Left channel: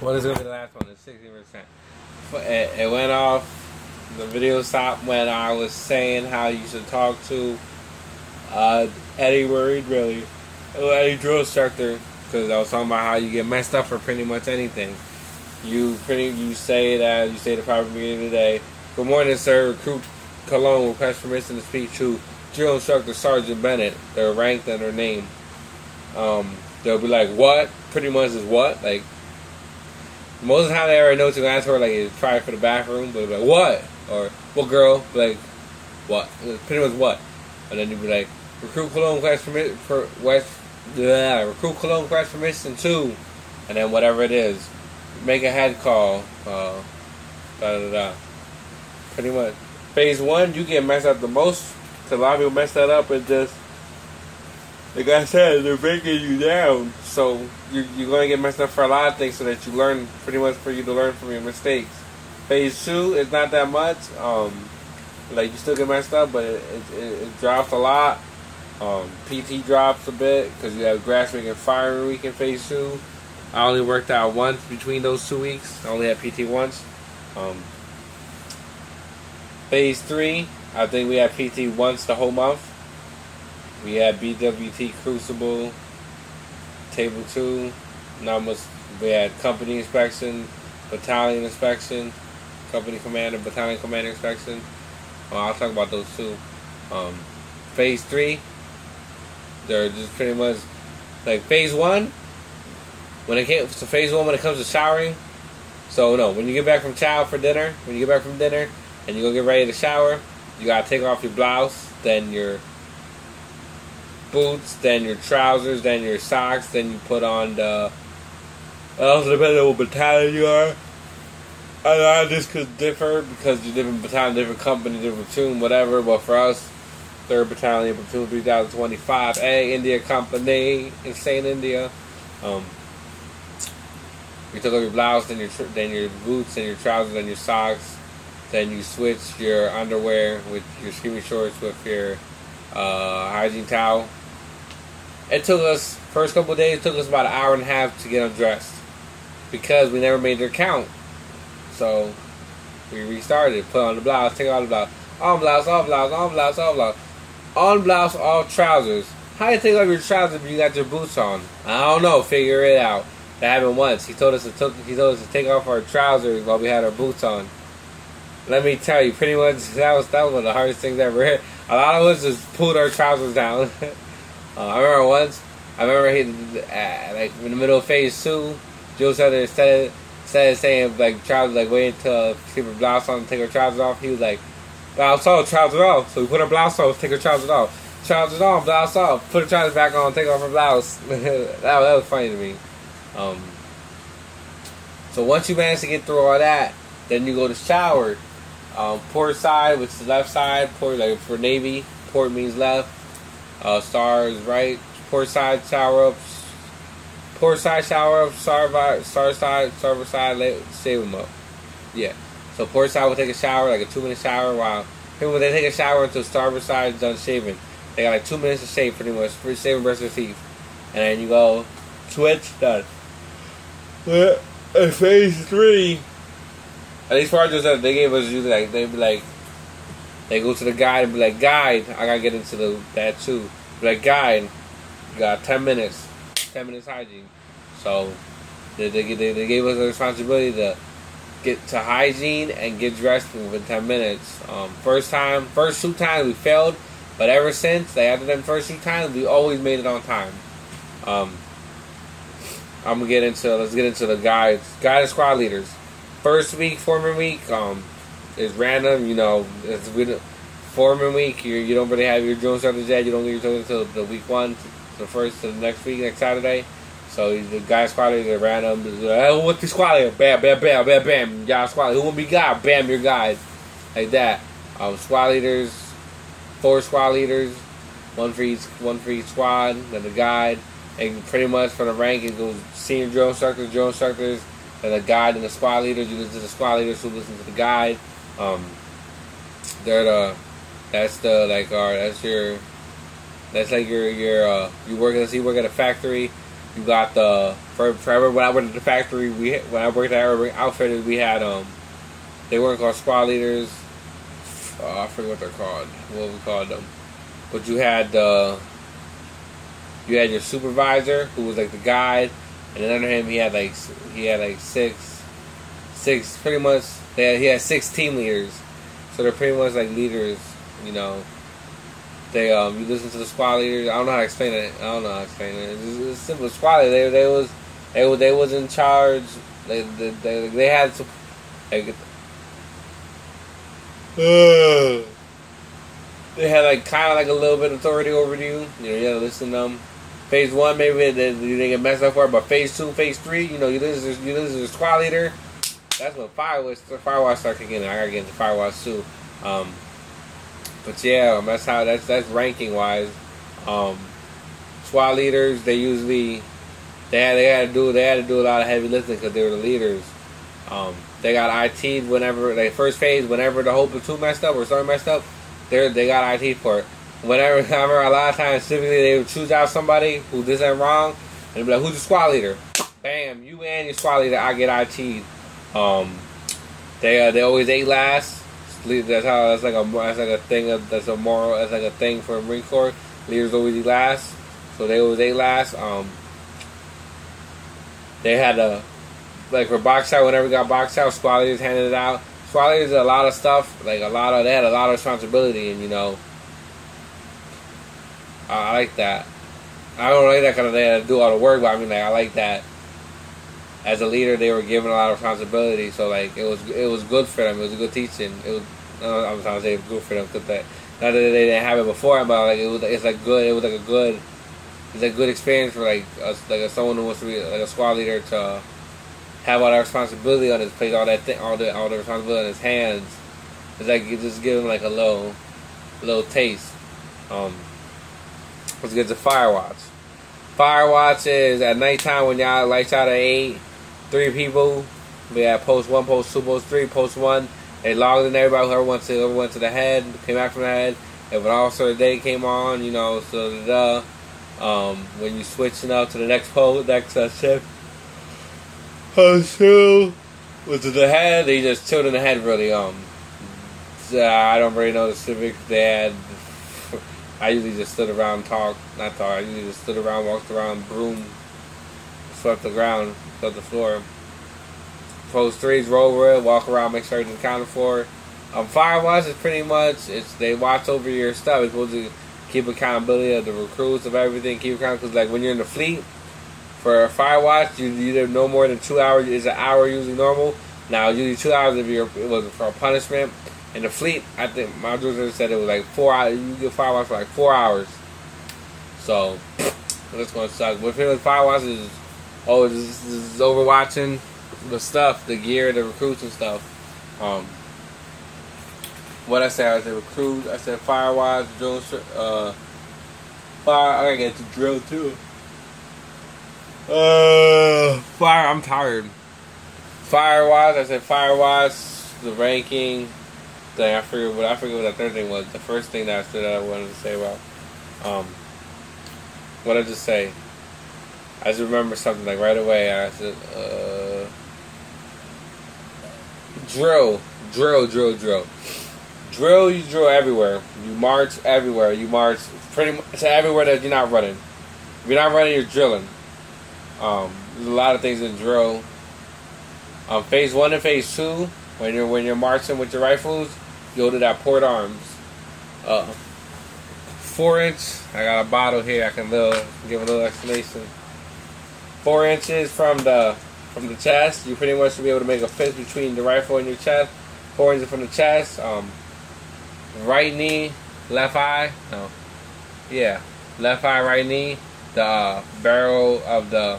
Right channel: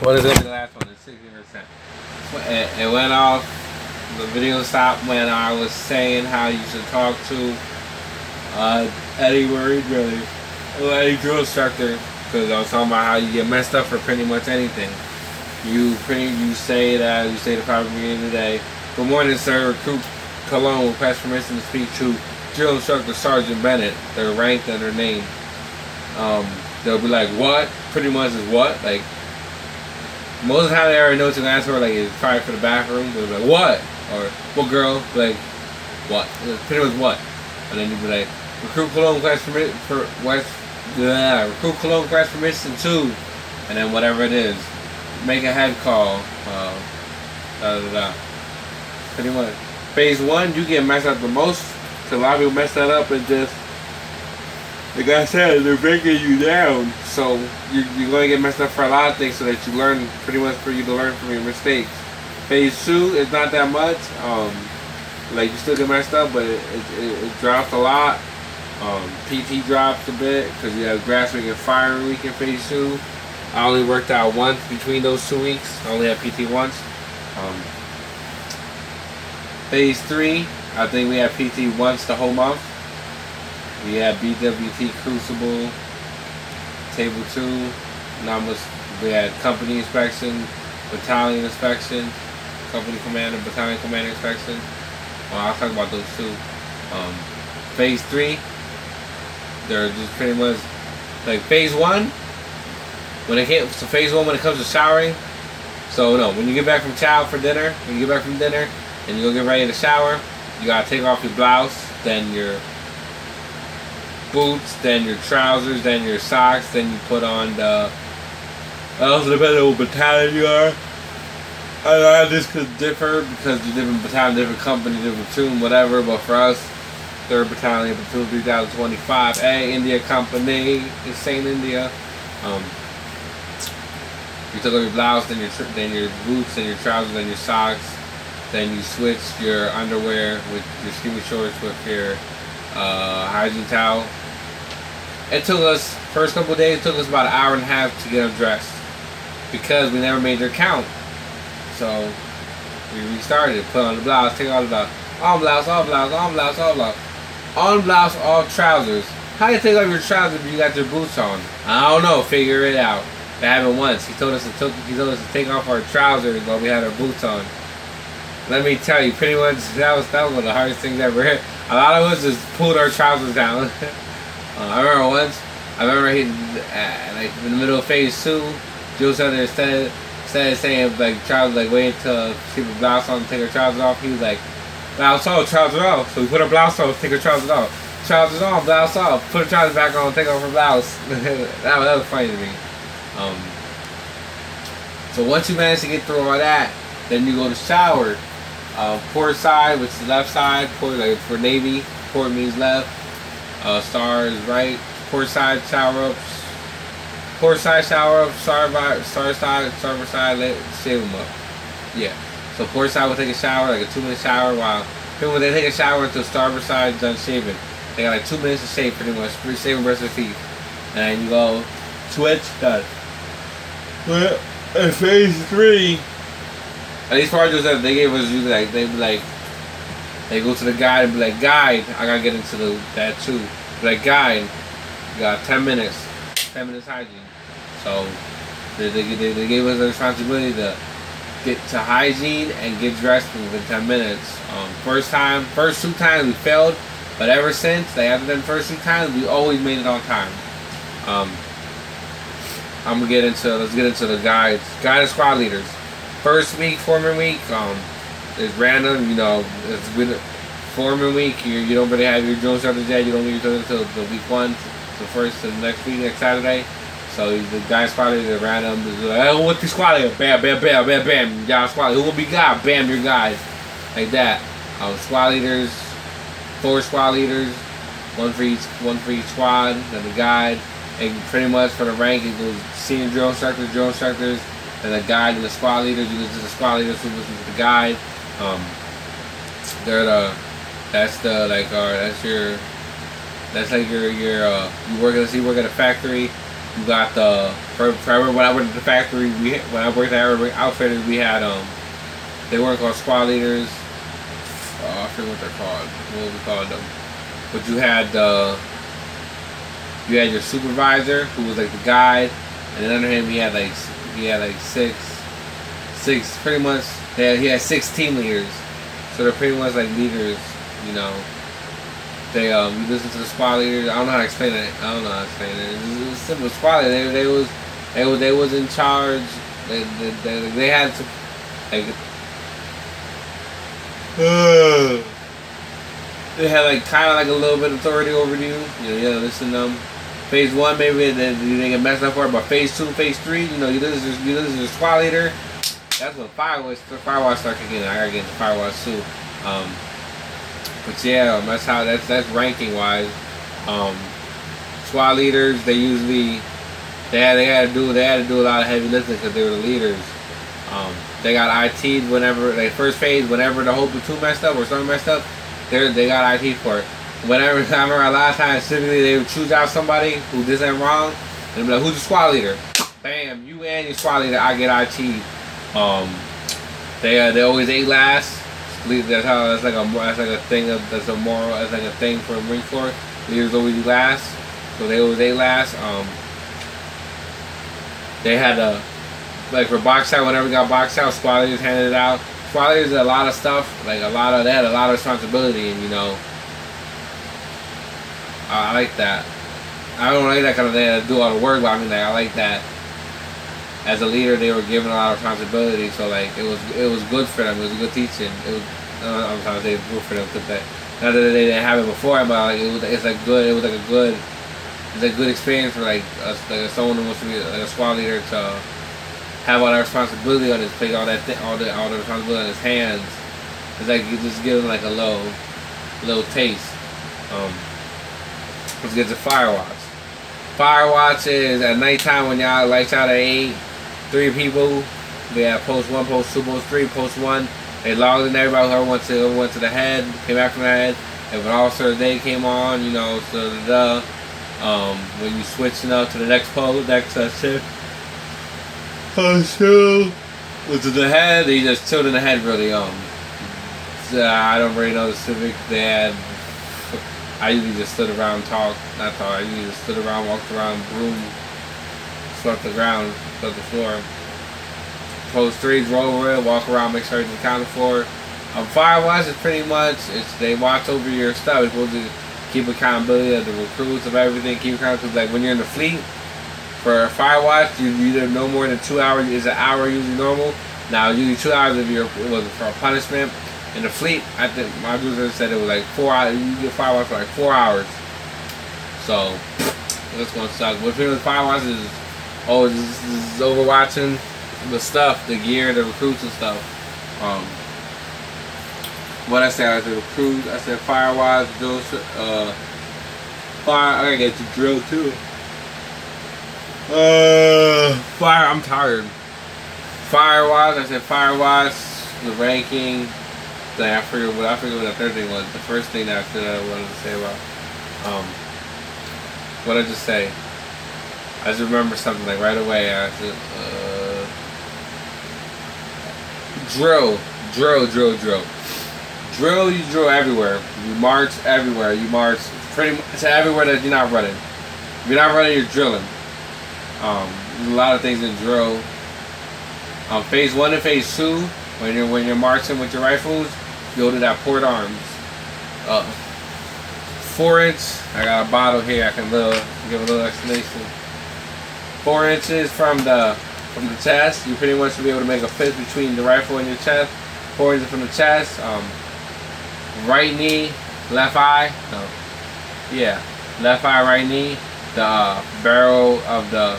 What is gonna be the last one? It's 60%. It went off. The video stopped when I was saying how you should talk to Eddie Murray, really, Eddie drill instructor, because I was talking about how you get messed up for pretty much anything. You say the proper beginning of the day. Good morning, sir. Recruit Cologne will request permission to speak to drill instructor Sergeant Bennett. They're ranked and their name. They'll be like, what? Pretty much is what? Like, most of the time they already know what you're going to ask for. Like, it's probably for the bathroom. But they'll be like, what? Or, what girl? Like, what? Pretty much what? And then you'll be like, recruit Cologne request permission for recruit Cologne request permission to, and then whatever it is. Make a head call. Pretty much. Phase 1, you get messed up the most. Because a lot of people mess that up and just, like I said, they're breaking you down. So you're going to get messed up for a lot of things so that you learn, pretty much for you to learn from your mistakes. Phase 2 is not that much. Like, you still get messed up, but it drops a lot. PT drops a bit because you have grass week and firing week in phase 2. I only worked out once between those 2 weeks. I only had PT once. Phase 3, I think we had PT once the whole month. We had BWT Crucible, Table 2. We had company inspection, battalion inspection, company commander, battalion commander inspection. I'll talk about those two. Phase 3, they're just pretty much like phase 1. Phase 1 when it comes to showering. So no, when you get back from dinner, and you go get ready to shower, you gotta take off your blouse, then your boots, then your trousers, then your socks, then you put on the. It also depends on what battalion you are. I know this could differ because you're different battalion, different company, different platoon, whatever. But for us, 3rd Battalion, Platoon 3025, India Company, Insane India. You took off your blouse, then your boots, then your trousers, then your socks. Then you switch your underwear with your skinny shorts with your hygiene towel. It took us, first couple of days, it took us about an hour and a half to get undressed because we never made their count. So we restarted, put on the blouse, take off the blouse, on blouse, off blouse, on blouse, off blouse, on blouse, off trousers. How do you take off your trousers if you got your boots on? I don't know, figure it out. It happened once. He told us to take off our trousers while we had our boots on. Let me tell you, pretty much that was one of the hardest things I ever hit. A lot of us just pulled our trousers down. I remember he, like in the middle of phase 2, Joe said instead of saying like trousers, like wait until keep her blouse on and take her trousers off, he was like, blouse on, trousers off. So we put her blouse on, take her trousers off. Trousers on, blouse off, put her trousers back on, take off her blouse. that was funny to me. So once you manage to get through all that, then you go to shower. Port side, which is the left side. Port, like for Navy, port means left. Star is right. Port side shower ups. Port side shower ups. Starboard side, starboard side. Shave them up. Yeah. So port side will take a shower, like a 2-minute shower. While people when they take a shower until starboard side is done shaving, they got like 2 minutes to shave, pretty much. Shaving brush their teeth, and then you go switch done. Well, in phase 3. At least projects that they gave us, they go to the guide and be like, guide, I gotta get into that too. Be like, guide, you got 10 minutes hygiene. So they gave us the responsibility to get to hygiene and get dressed within 10 minutes. First 2 times we failed, but ever since, like after them first 2 times, we always made it on time. Let's get into the guide and squad leaders. First week, foreman week, is random. You know, it's with foreman week. You don't really have your drill instructors yet. You don't get your drill until the week 1, the first to the next week, next Saturday. So the guy squad leader is random. Like, hey, who wants the squad leader? Bam, bam, bam, bam, bam. Y'all squad leader. Who will be guy? Bam, your guys. Like that. Squad leaders, 4 squad leaders, one for each squad, then the guide. And pretty much for the rank, it goes senior drill instructors. And the guide and the squad leaders, you listen to the squad leaders who listen to the guide. You work at a factory. You got the forever when I went to the factory. When I worked at Urban Outfitters, we had they weren't called squad leaders. I forget what they're called. What we called them. But you had your supervisor who was like the guide, and then under him he had like six pretty much. He had 6 team leaders, so they're pretty much like leaders. You know, they you listen to the squad leaders. I don't know how to explain it. It was simple. Squad leaders. They was in charge. They had to like. They had like kind of like a little bit of authority over you. You know, you gotta listen to them. Phase 1, maybe you didn't get messed up for it, but phase 2, phase 3, you know, you listen to the squad leader. That's when Firewatch start kicking in. I gotta get into Firewatch too. But yeah, that's ranking wise. Squad leaders, they had to do a lot of heavy lifting because they were the leaders. They got IT whenever like first phase, whenever the whole platoon messed up or something messed up, they got IT for it. Whenever I remember a lot of times, typically they would choose out somebody who did something wrong and be like, "Who's the squad leader?" Bam, you and your squad leader. I get IT. They always ate last. That's like a thing for Marine Corps. Leaders always eat last, so they always ate last. They had to, like for box out, whenever we got box out, squad leaders handed it out. Squad leaders did a lot of stuff, they had a lot of responsibility, and you know, I like that. I don't like that kind of they had to do all the work, but I mean, like I like that. As a leader, they were given a lot of responsibility, so like it was good for them. It was a good teaching. It was I'm trying to say it was good for them because not that they didn't have it before, but like it's a good experience for like someone who wants to be like a squad leader to have all that responsibility on his plate, all the responsibility on his hands. It's like you just give him like a little taste. Let's get to Firewatch. Firewatch is at nighttime when y'all lights out at 8. 3 people. We have post 1, post 2, post 3, post 1. They logged in everybody. Whoever went to the head, came back from the head. If an officer day came on, you know, so when you switching up to the next post, next shift. Post 2 was to the head. They just chilled in the head really. I don't really know the civics they had. I usually just stood around, I usually just stood around, walked around, broom, swept the ground, swept the floor. Post 3 drove over it, walk around, make sure everything's accounted for. Firewatch is pretty much, they watch over your stuff. It's supposed to keep accountability of the recruits, of everything, keep account, because like when you're in the fleet, for Firewatch, you either no more than 2 hours, is an hour usually normal. Now, usually 2 hours if it was for a punishment. In the fleet, I think my producer said it was like 4 hours. You get Firewatch for like 4 hours. So that's gonna suck. But pretty much Firewatch is overwatching the stuff, the gear, the recruits and stuff. What I said recruits. I said Firewatch, drill. Fire. I gotta get to drill too. Fire. I'm tired. Firewatch. I said Firewatch. The ranking. I forget what the third thing was. The first thing that I said I wanted to say about what did I just say? I just remember something like right away. I said drill. Drill, you drill everywhere. You march everywhere. You march pretty much everywhere that you're not running. If you're not running, you're drilling. There's a lot of things in drill. Phase 1 and phase 2, when you're marching with your rifles, you go to that port arms. 4-inch. I got a bottle here. I can give a little explanation. 4 inches from the chest. You pretty much should be able to make a fist between the rifle and your chest. 4 inches from the chest. Right knee, left eye. No. Yeah. Left eye, right knee. The barrel of the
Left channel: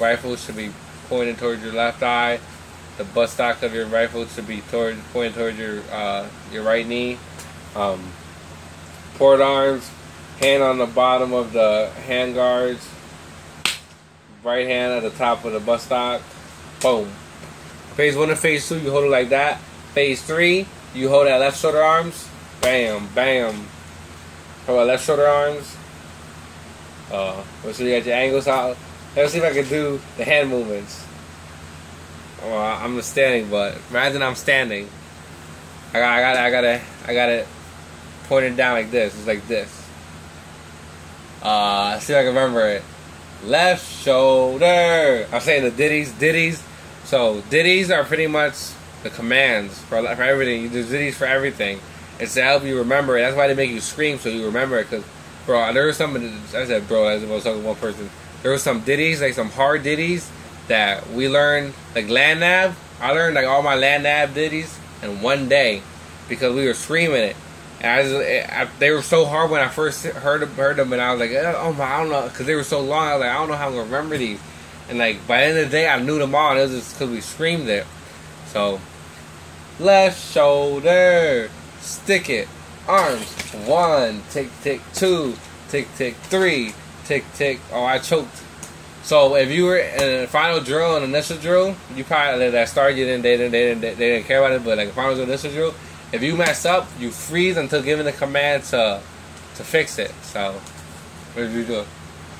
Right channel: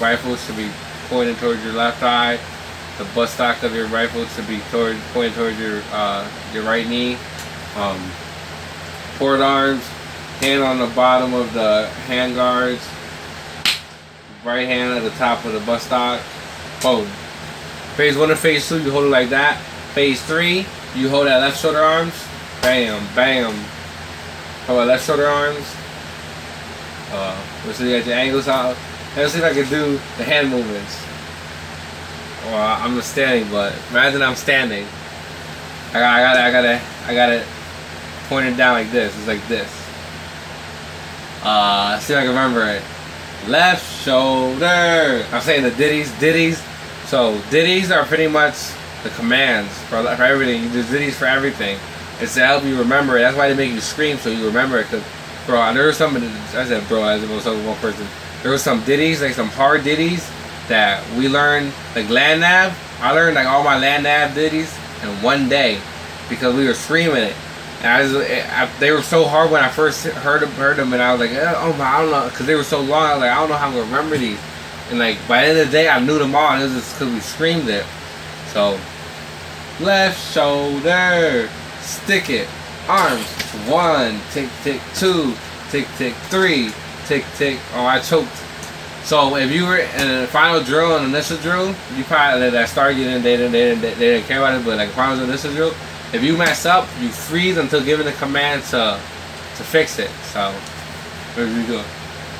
rifle should be pointed towards your left eye. The butt stock of your rifle should be pointed towards your right knee. Port arms, hand on the bottom of the hand guards. Right hand at the top of the butt stock. Boom. Phase 1 and phase 2, you hold it like that. Phase 3, you hold that left shoulder arms. Bam, bam. Hold that left shoulder arms. Let's see, you got your angles out. Let's see if I can do the hand movements. Well, I'm standing, but imagine I'm standing. I got it pointed down like this. It's like this. Let's see if I can remember it. Left shoulder. I'm saying the ditties. So ditties are pretty much the commands for everything. You do ditties for everything. It's to help you remember it. That's why they make you scream so you remember it. Cause, bro, there was some. I said, bro, as if I was talking to one person. There was some ditties, like some hard ditties that we learned, like land nav. I learned like all my land nav ditties in one day because we were screaming it. And they were so hard when I first heard them, and I was like, oh my, I don't know, because they were so long. I was like, I don't know how I'm gonna remember these. And like by the end of the day, I knew them all. And it was just because we screamed it. So, left shoulder, stick it, arms, 1, tick tick 2, tick tick 3, tick tick. Oh, I choked. So if you were in the final drill and initial drill, you probably that started getting they didn't care about it, but like final drill, initial drill. If you mess up, you freeze until given the command to fix it. So, what do we do?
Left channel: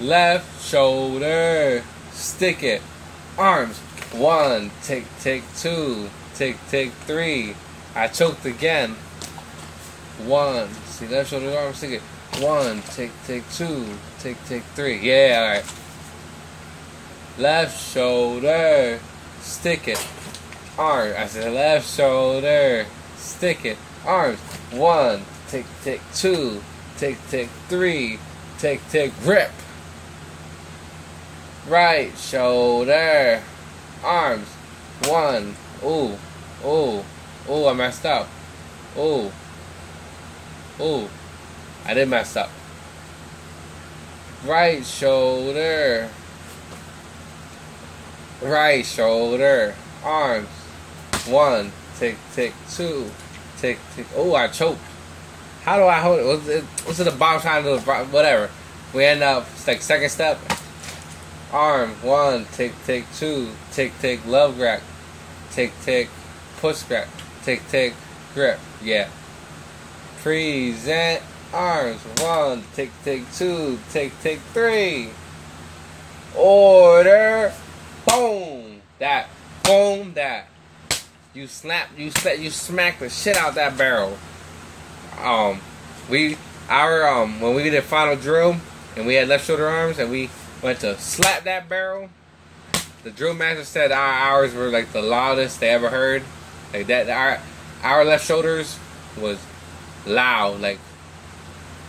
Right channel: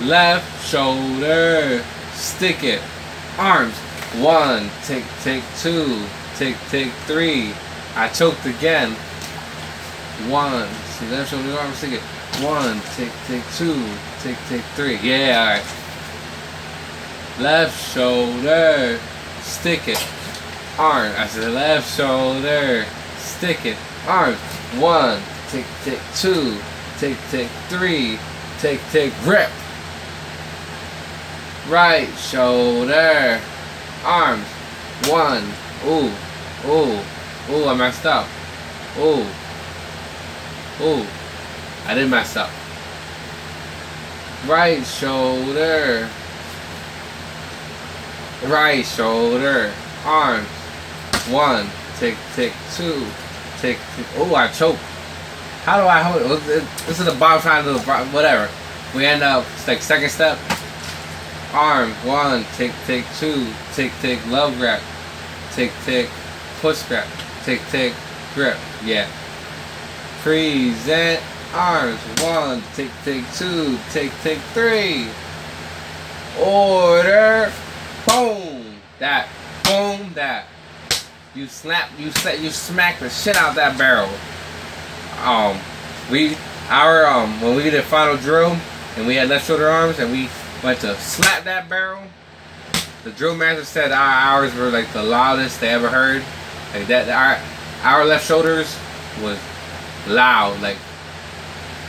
Left shoulder, stick it, arms, 1, tick tick 2, tick tick 3. I choked again. 1, see left shoulder, arms, stick it. 1, tick tick 2, tick tick 3. Yeah, all right. Left shoulder, stick it, arm. I said left shoulder. Stick it, arms, 1, tick tick 2, tick tick 3, tick tick grip. Right shoulder, arms, 1, ooh, I messed up. Ooh, I did mess up. Right shoulder, arms, 1, tick tick 2. Tick, tick. Oh, I choked. How do I hold it? This is the bottom side of the whatever. We end up, it's like second step. Arm, 1, tick, tick 2, tick, tick, love grab. Tick, tick, push grab. Tick, tick, grip. Yeah. Present arms, 1, tick, tick 2, tick, tick 3. Order. Boom. That. Boom. That. You smack the shit out that barrel. When we did a final drill and we had left shoulder arms and we went to slap that barrel, the drill master said ours were like the loudest they ever heard. Like that, our left shoulders was loud. Like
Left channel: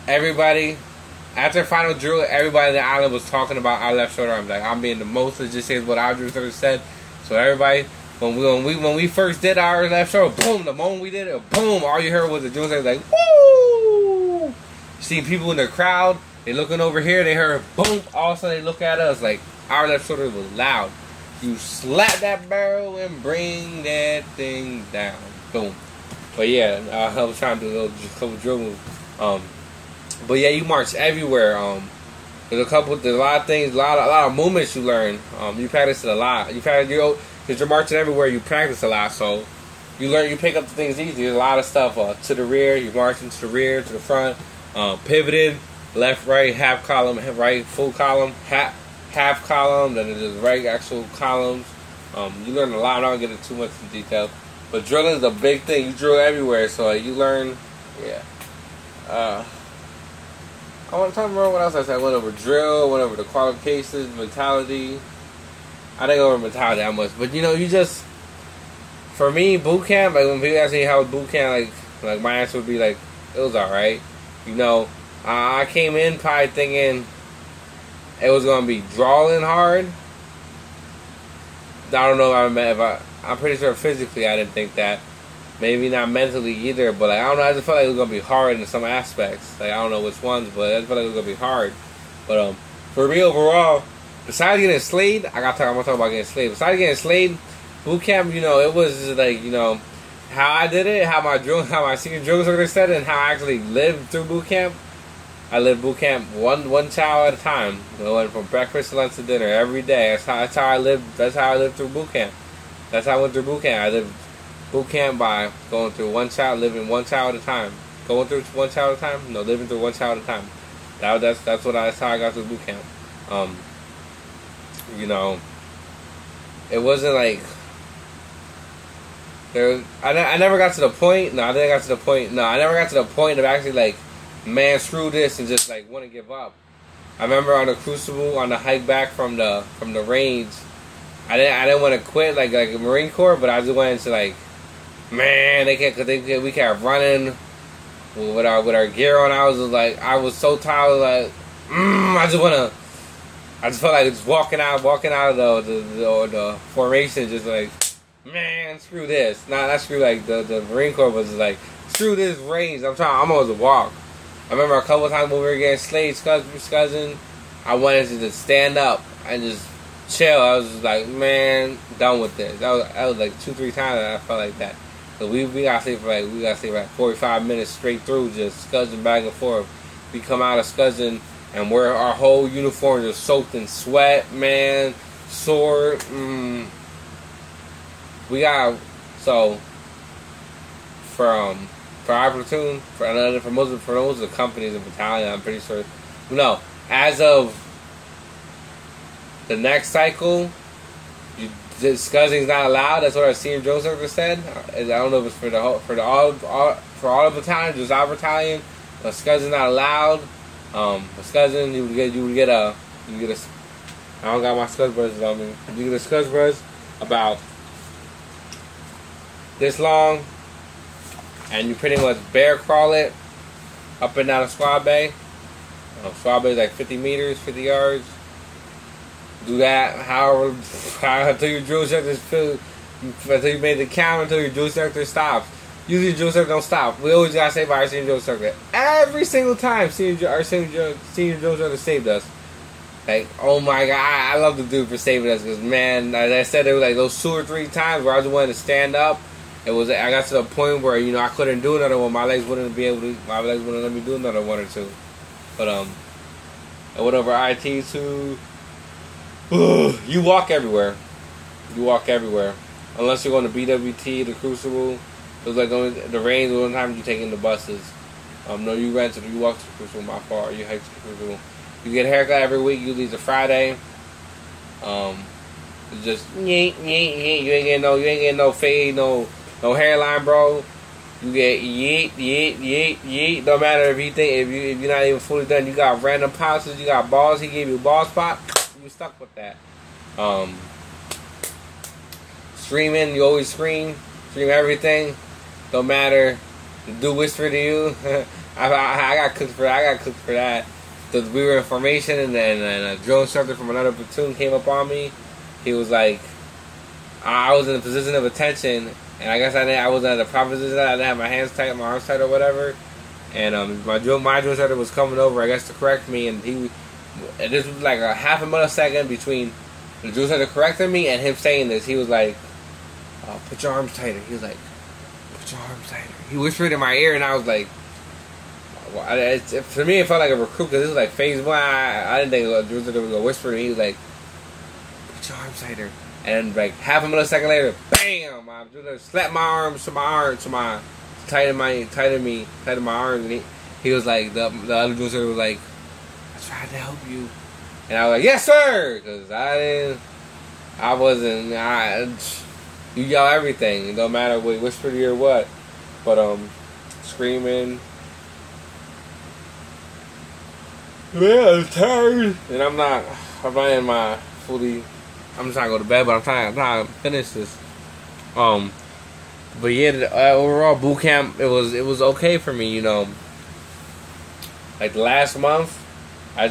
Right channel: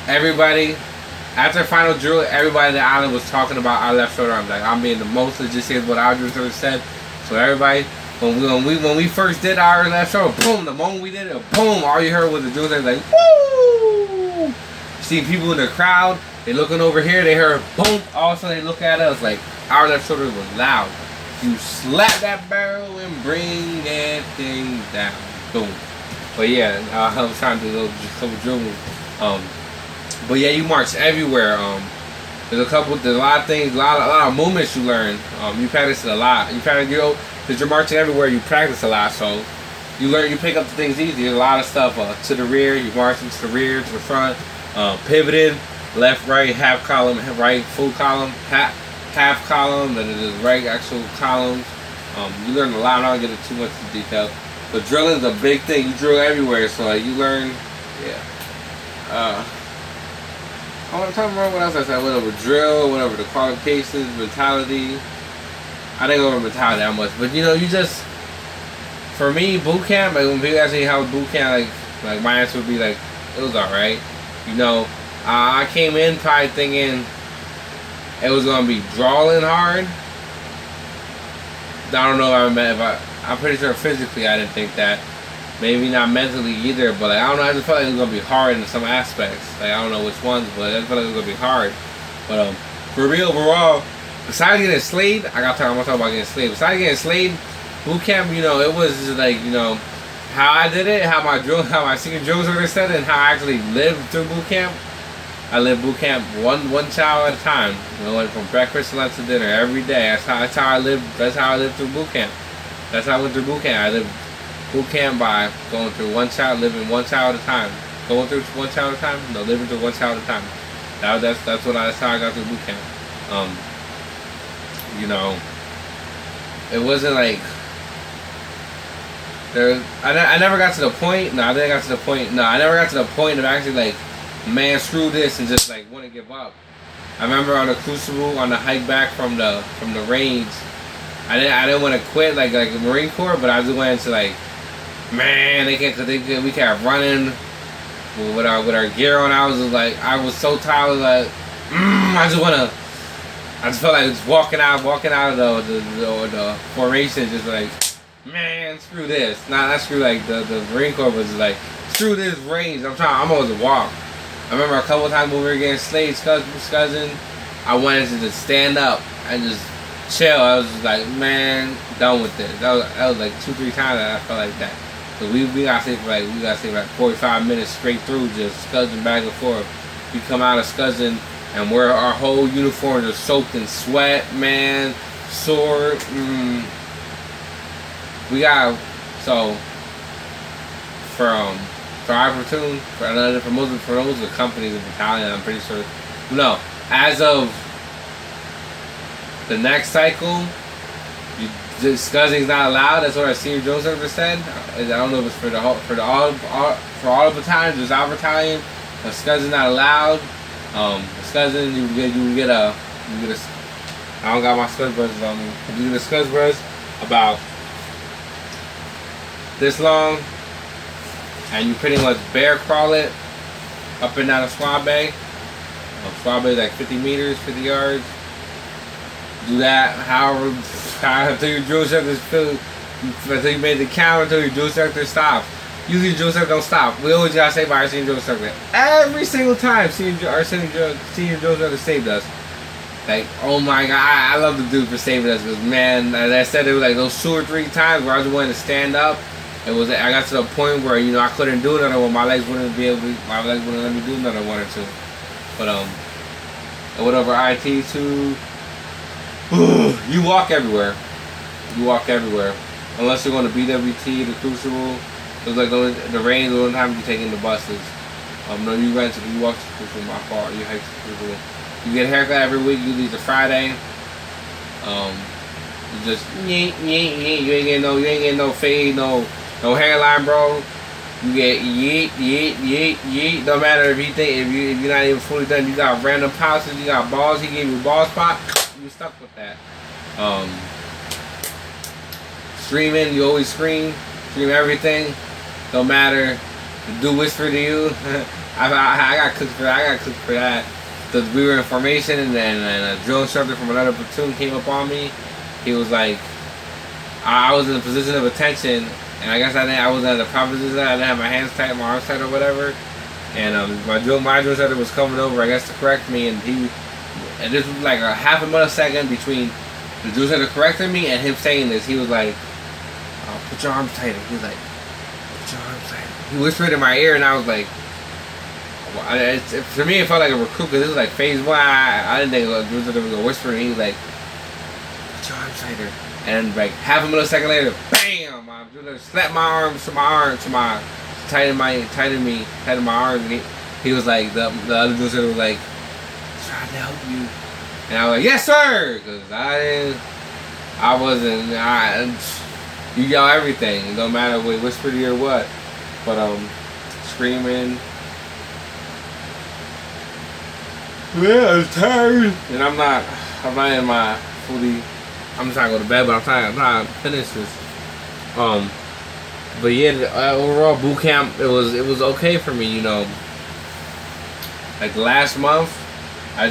everybody after final drill, everybody in the island was talking about our left shoulder arms. Like I'm being the most legit is what our drill ever said. So everybody. When we first did our left shoulder, boom, the moment we did it, boom, all you heard was the drill like, woo! See people in the crowd, they looking over here, they heard boom, all of a sudden they look at us like our left shoulder was loud. You slap that barrel and bring that thing down. Boom. But yeah, I was trying to do a couple drill moves. But yeah, you march everywhere. There's a lot of things, a lot of movements you learn. You practice it a lot. Because you're marching everywhere, you practice a lot, so you pick up the things easy. There's a lot of stuff to the rear, you marching to the rear, to the front, pivoted, left, right, half column, right, full column, half column, then there's right actual columns. You learn a lot. I'm not gonna get into too much detail, but drilling is a big thing. You drill everywhere, so you learn. Yeah. I want to talk about what else I said. I went over drill, went over the qualifications, mentality. I didn't go over mentality that much, but you just, for me, boot camp, like when people ask me how was boot camp, like my answer would be like, it was alright. I came in probably thinking it was gonna be drawing hard. I don't know I'm pretty sure physically I didn't think that. Maybe not mentally either, but I don't know, I just felt like it was gonna be hard in some aspects. Like I don't know which ones, but I just felt like it was gonna be hard. But for me overall, besides getting slayed, I'm gonna talk about getting slayed. Besides getting slayed, boot camp, it was just like, how I did it, how my senior drill instructor said it, and how I actually lived through boot camp. I lived boot camp one child at a time. Went from breakfast to lunch to dinner every day. That's how I lived. That's how I lived through boot camp. That's how I went through boot camp. I lived boot camp by going through one child, living one child at a time. Going through one child at a time? No, living through one child at a time. That's how I got through boot camp. You know, it wasn't like I never got to the point. No, I didn't got to the point. No, I never got to the point of actually like, man, screw this, and just like want to give up. I remember on the Crucible, on the hike back from the range, I didn't want to quit like the Marine Corps, but I just went into like, man, we kept running with our gear on. I was so tired, like, I just felt like just walking out of the formation, just like, man, screw this. Not screw like the Marine Corps, but just like, screw this range. I'm always a walk. I remember a couple of times when we were getting slayed, scuzzing, I wanted to just stand up and just chill. I was just like, man, done with this. That was like 2-3 times that I felt like that. So we gotta stay for like 45 minutes straight through, just scuzzing back and forth. We come out of scuzzing and our whole uniforms are soaked in sweat, man, sore. We got so for our platoon, for most of the companies and battalion, I'm pretty sure. No, as of the next cycle, scuzzing's not allowed. That's what our senior drill instructor said. I don't know if it's for all the battalions, just our battalion. But scuzzing's not allowed. Scuzzing, you would get a. I don't got my scuzz brushes on me. You get a scuzz brush about this long, and you pretty much bear crawl it up and down a squad bay. Squad bay is like 50 meters, 50 yards. Do that until your drill instructor until you made the count, until your drill instructor stops. Usually your drill instructor don't stop. We always gotta say by our senior drill instructor. Every single time our senior drill instructor saved us. Like, oh my god, I love the dude for saving us, because man, as I said, there was like those 2 or 3 times where I just wanted to stand up. I got to the point where, you know, I couldn't do another one. My legs wouldn't let me do another one or two. But I went over IT2. You walk everywhere. Unless you're going to BWT, the Crucible. It was like the range, the only time you're taking the buses. No, you walk to the Crucible, my fault. You hike to the Crucible. You get a haircut every week, usually it's a Friday. You just yeet. You ain't getting no fade, no hairline, bro. You get yeet. No matter if you're not even fully done, you got random pouches, you got balls. He gave you a ball spot. You stuck with that. Screaming, you always scream everything. Don't matter. The dude whisper to you. I got cooked for that. Because we were in formation, and then a drill instructor from another platoon came up on me. He was like, I was in a position of attention, and I guess I wasn't at the proper position. I didn't have my hands tight, my arms tight, or whatever. And my drill instructor was coming over, I guess, to correct me, and this was like a half a millisecond between the drill instructor correcting me and him saying this. He was like, "Oh, put your arms tighter." He was like, "Put your arms tighter." He whispered in my ear, and I was like, for me, it felt like a recruit, because this was like phase 1. I didn't think there was a whisper, and he was like, "Put your arms tighter." And then, like, half a millisecond later, bam! I slapped my arms to my tighten my arms, and he was like, the other dude was like, "Trying to help you," and I was like, "Yes, sir," because you yell everything. It don't matter what whisper to you or what, but screaming. Yeah, I'm tired, and I'm not in my fully. I'm just trying to go to bed, but I'm trying to finish this. But yeah, overall boot camp, it was okay for me, you know. Like last month, I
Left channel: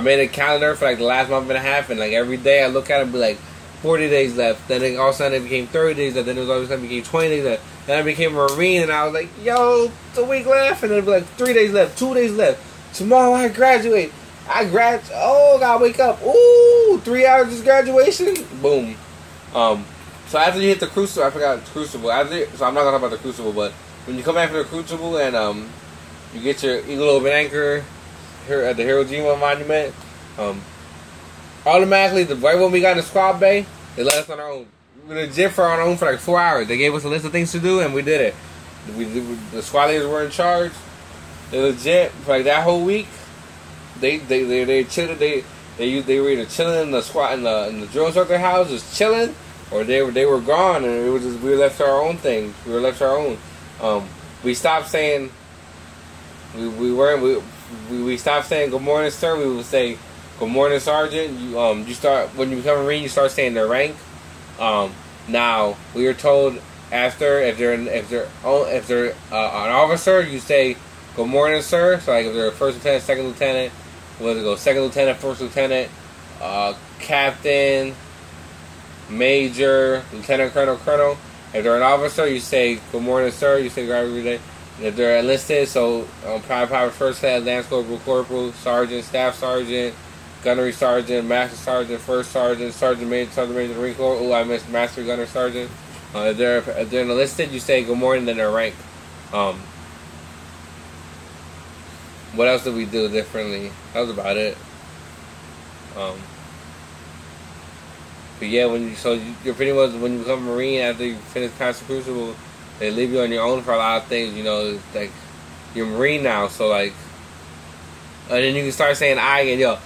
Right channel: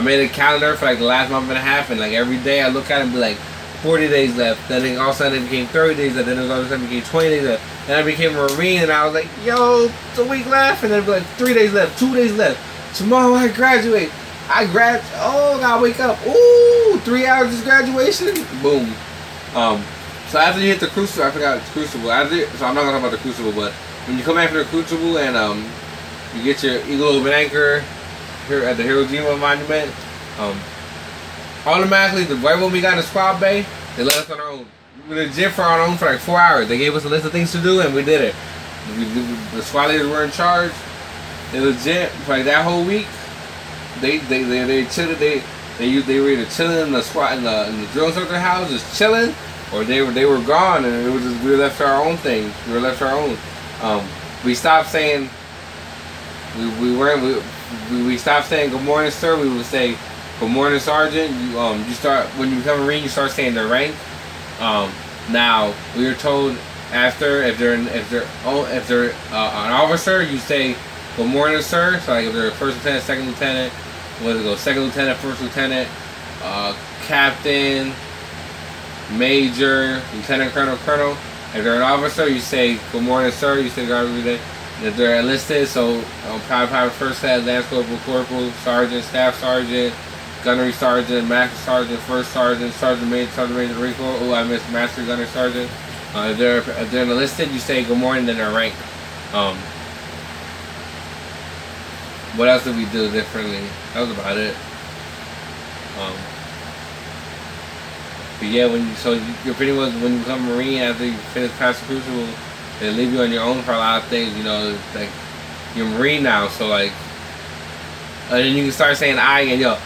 made a calendar for like the last month and a half, and like every day I look at it and be like, 40 days left. Then all of a sudden it became 30 days left. Then all of a sudden it became 20 days left. Then I became a Marine, and I was like, yo, it's a week left, and then it'd be like 3 days left, 2 days left. Tomorrow I graduate. Oh, gotta wake up. Ooh, 3 hours is graduation. Boom. So after you hit the Crucible, I forgot the Crucible. So I'm not gonna talk about the Crucible, but when you come back from the Crucible and you get your Eagle Open Anchor here at the Hiroshima Monument, automatically, right when we got in the squad bay, they let us on our own. We were legit for our own for like 4 hours. They gave us a list of things to do, and we did it. The squad leaders were in charge. They legit, for like that whole week, they chilling. They were either chilling in the squat in the drill instructor house, just chilling, or they were gone, and it was just we were left to our own thing. We were left to our own. We stopped saying we stopped saying good morning, sir. We would say good morning, sergeant. You start when you become a Marine, you start saying their rank. Now we were told after if they're an officer, you say good morning, sir. So like if they're a first lieutenant, second lieutenant, what does it go? Second lieutenant, first lieutenant, captain, major, lieutenant colonel, colonel. If they're an officer, you say good morning, sir. You say God every day. If they're enlisted, so private first class, lance corporal, corporal, sergeant, staff sergeant, gunnery sergeant, master sergeant, first sergeant, sergeant major, Marine Corps. Oh, I missed master gunnery sergeant. If they're enlisted, you say good morning, then their rank. What else did we do differently? That was about it. But yeah, you're pretty much when you become a Marine after you finish passing crucible, they leave you on your own for a lot of things. You know, it's like you're a Marine now, so like, and then you can start saying I and yo.